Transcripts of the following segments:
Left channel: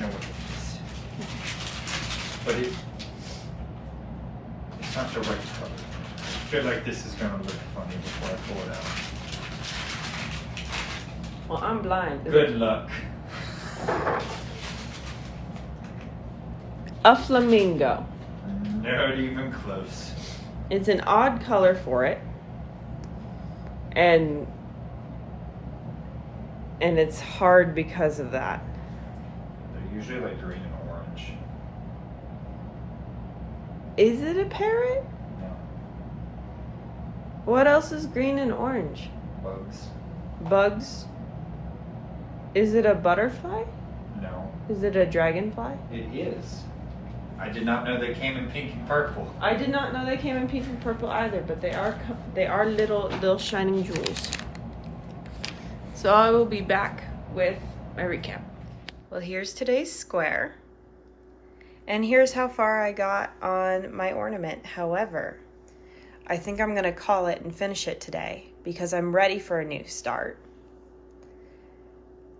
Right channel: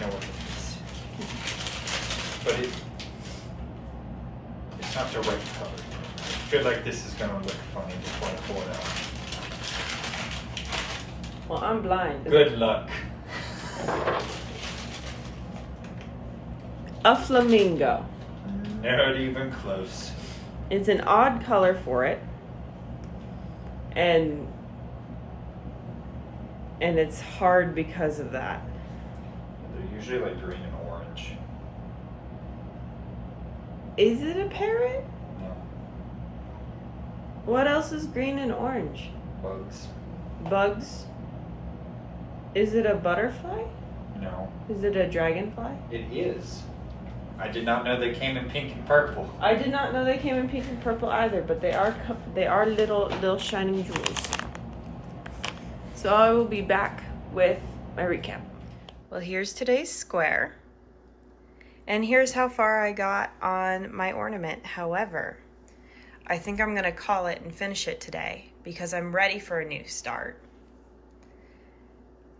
know what it is. But it's not the right color. I feel like this is going to look funny before I pull it out. Well, I'm blind. Good luck. A flamingo. Not even close. It's an odd color for it. And it's hard because of that. They're usually like green and orange. Is it a parrot? Yeah. What else is green and orange? Bugs. Bugs? Is it a butterfly? No. Is it a dragonfly? It is. I did not know they came in pink and purple. I did not know they came in pink and purple either, but they are little shining jewels. So I will be back with my recap. Well, here's today's square. And here's how far I got on my ornament. However, I think I'm gonna call it and finish it today because I'm ready for a new start.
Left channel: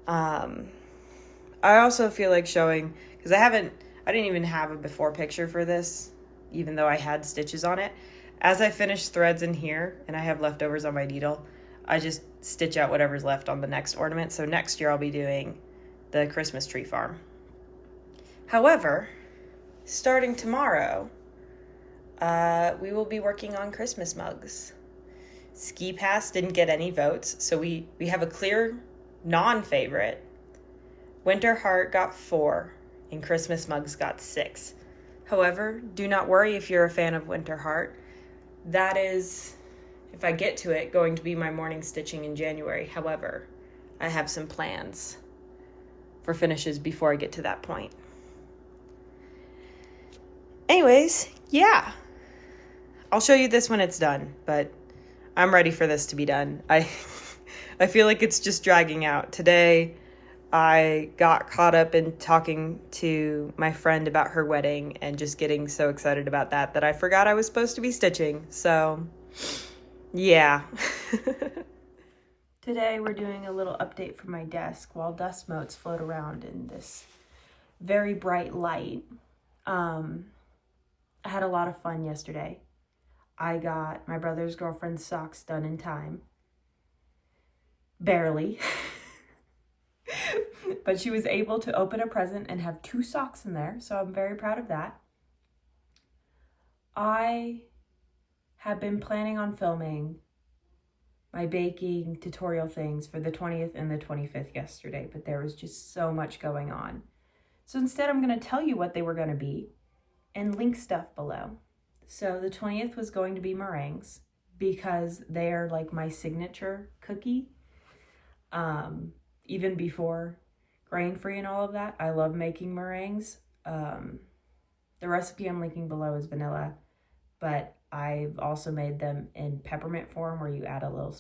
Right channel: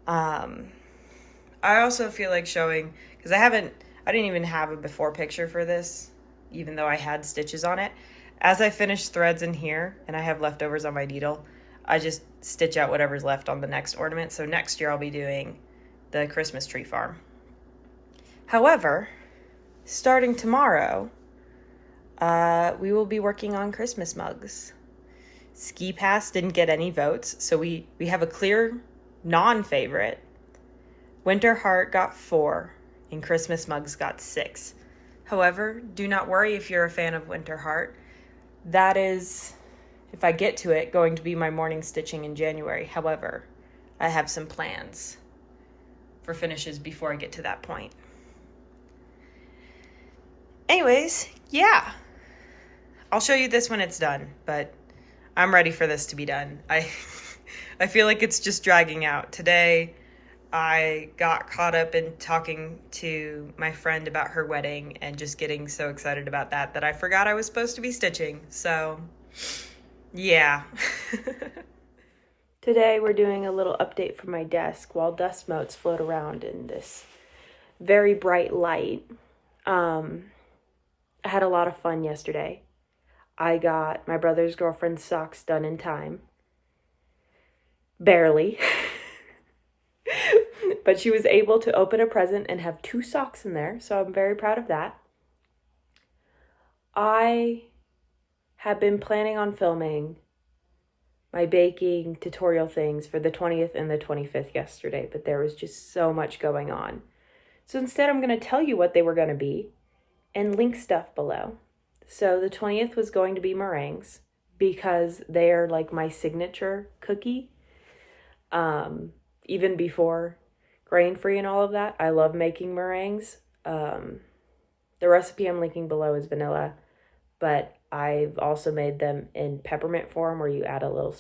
I also feel like showing, because I didn't even have a before picture for this, even though I had stitches on it. As I finish threads in here and I have leftovers on my needle, I just stitch out whatever's left on the next ornament. So next year I'll be doing the Christmas tree farm. However, starting tomorrow, we will be working on Christmas mugs. Ski Pass didn't get any votes, so we have a clear non-favorite. Winter Heart got 4, and Christmas Mugs got 6. However, do not worry if you're a fan of Winter Heart. That is, if I get to it, going to be my morning stitching in January. However, I have some plans for finishes before I get to that point. Anyways, yeah. I'll show you this when it's done, but I'm ready for this to be done. I feel like it's just dragging out. Today, I got caught up in talking to my friend about her wedding and just getting so excited about that I forgot I was supposed to be stitching. So, yeah. Today we're doing a little update from my desk while dust motes float around in this very bright light. I had a lot of fun yesterday. I got my brother's girlfriend's socks done in time. Barely. But she was able to open a present and have 2 socks in there, so I'm very proud of that. I have been planning on filming my baking tutorial things for the 20th and the 25th yesterday, but there was just so much going on. So instead, I'm going to tell you what they were going to be and link stuff below. So the 20th was going to be meringues because they are like my signature cookie. Even before grain-free and all of that, I love making meringues. The recipe I'm linking below is vanilla, but I've also made them in peppermint form where you add a little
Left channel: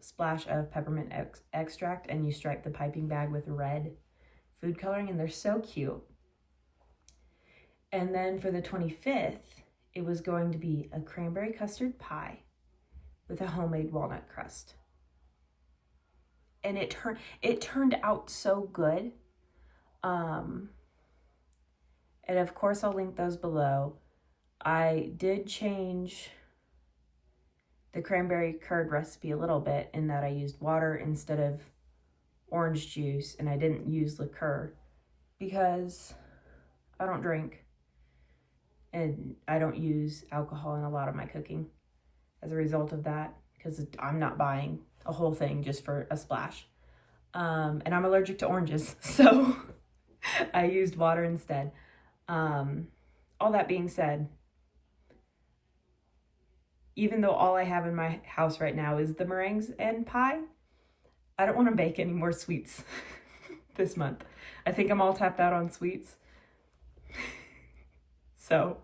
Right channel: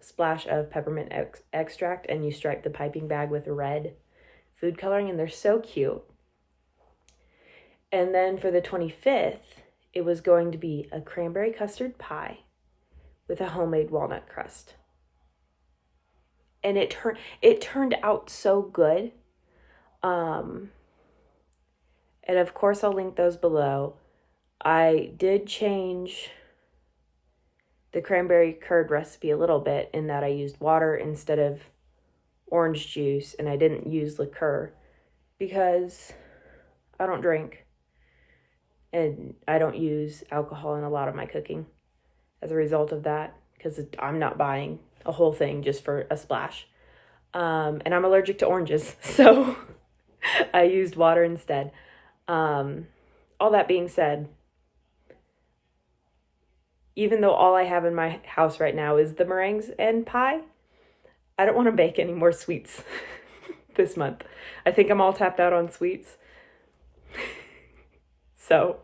splash of peppermint extract and you stripe the piping bag with red food coloring, and they're so cute. And then for the 25th, it was going to be a cranberry custard pie with a homemade walnut crust. And it turned out so good. And of course I'll link those below. I did change the cranberry curd recipe a little bit in that I used water instead of orange juice, and I didn't use liqueur because I don't drink and I don't use alcohol in a lot of my cooking as a result of that, because I'm not buying a whole thing just for a splash. And I'm allergic to oranges, so I used water instead. All that being said, even though all I have in my house right now is the meringues and pie, I don't want to bake any more sweets this month. I think I'm all tapped out on sweets. So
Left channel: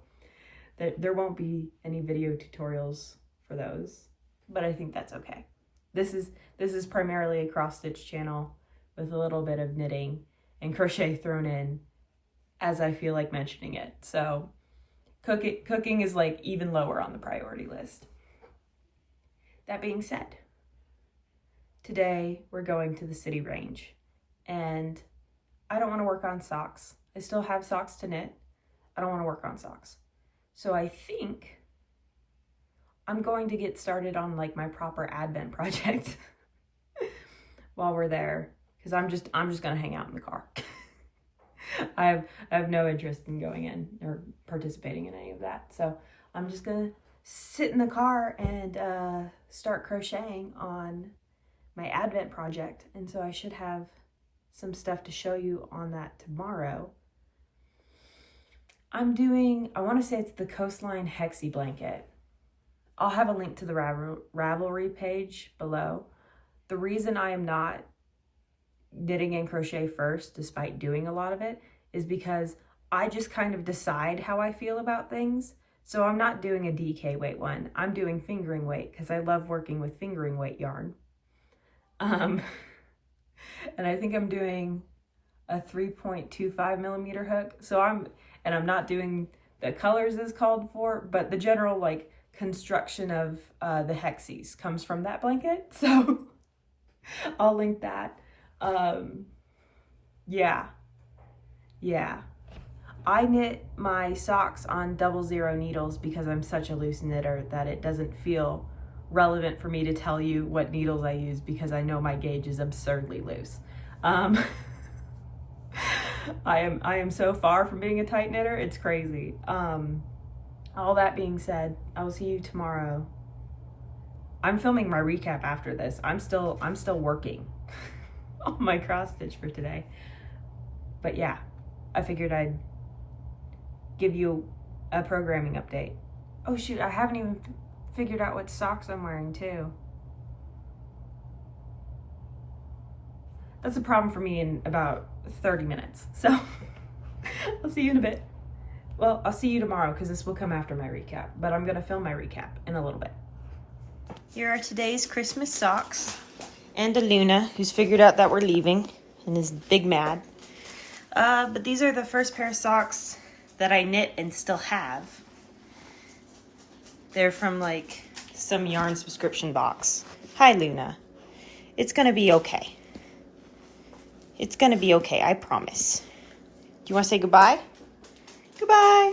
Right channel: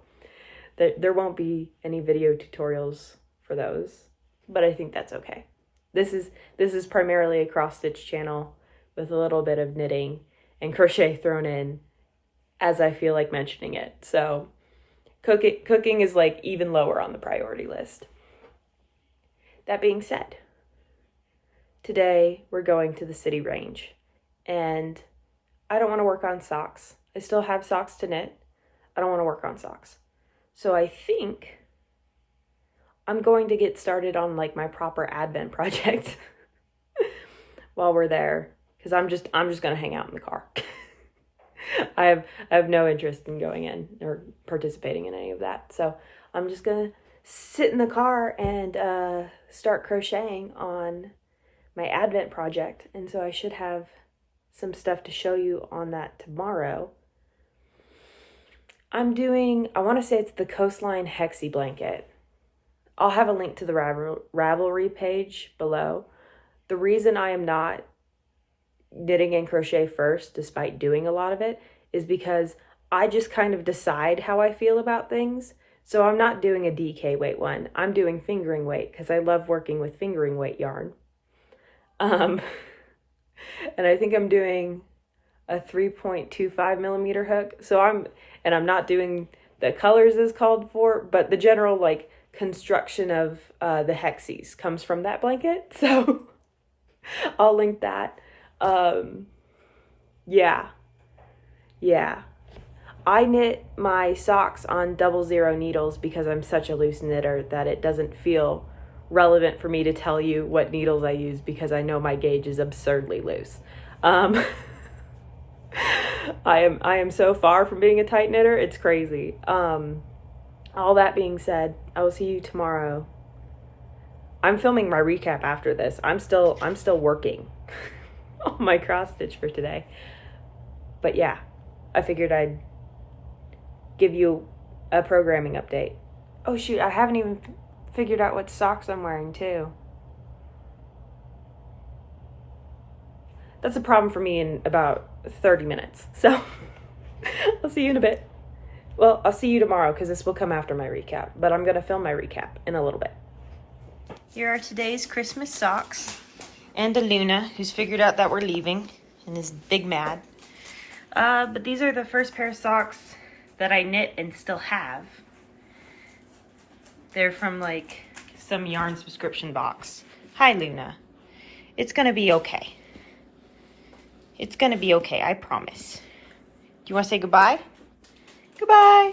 there won't be any video tutorials for those, but I think that's okay. This is primarily a cross-stitch channel with a little bit of knitting and crochet thrown in as I feel like mentioning it. So cooking is like even lower on the priority list. That being said, today we're going to the city range, and I don't want to work on socks. I still have socks to knit. I don't want to work on socks. So I think I'm going to get started on like my proper Advent project while we're there, because I'm just gonna hang out in the car. I have no interest in going in or participating in any of that. So I'm just gonna sit in the car and start crocheting on my Advent project. And so I should have some stuff to show you on that tomorrow. I want to say it's the Coastline Hexie blanket. I'll have a link to the Ravelry page below. The reason I am not knitting and crochet first, despite doing a lot of it, is because I just kind of decide how I feel about things. So I'm not doing a DK weight one. I'm doing fingering weight because I love working with fingering weight yarn. And I think I'm doing a 3.25 millimeter hook. So I'm not doing the colors as called for, but the general like construction of the hexies comes from that blanket. So I'll link that. Yeah. I knit my socks on 00 needles because I'm such a loose knitter that it doesn't feel relevant for me to tell you what needles I use because I know my gauge is absurdly loose. I am so far from being a tight knitter, it's crazy. All that being said, I will see you tomorrow. I'm filming my recap after this. I'm still working on my cross stitch for today. But yeah, I figured I'd give you a programming update. Oh shoot, I haven't even figured out what socks I'm wearing too. That's a problem for me in about 30 minutes. So I'll see you in a bit. Well, I'll see you tomorrow because this will come after my recap, but I'm going to film my recap in a little bit. Here are today's Christmas socks. And a Luna, who's figured out that we're leaving and is big mad. But these are the first pair of socks that I knit and still have. They're from like some yarn subscription box. Hi, Luna. It's going to be okay. It's going to be okay, I promise. Do you want to say goodbye? Goodbye.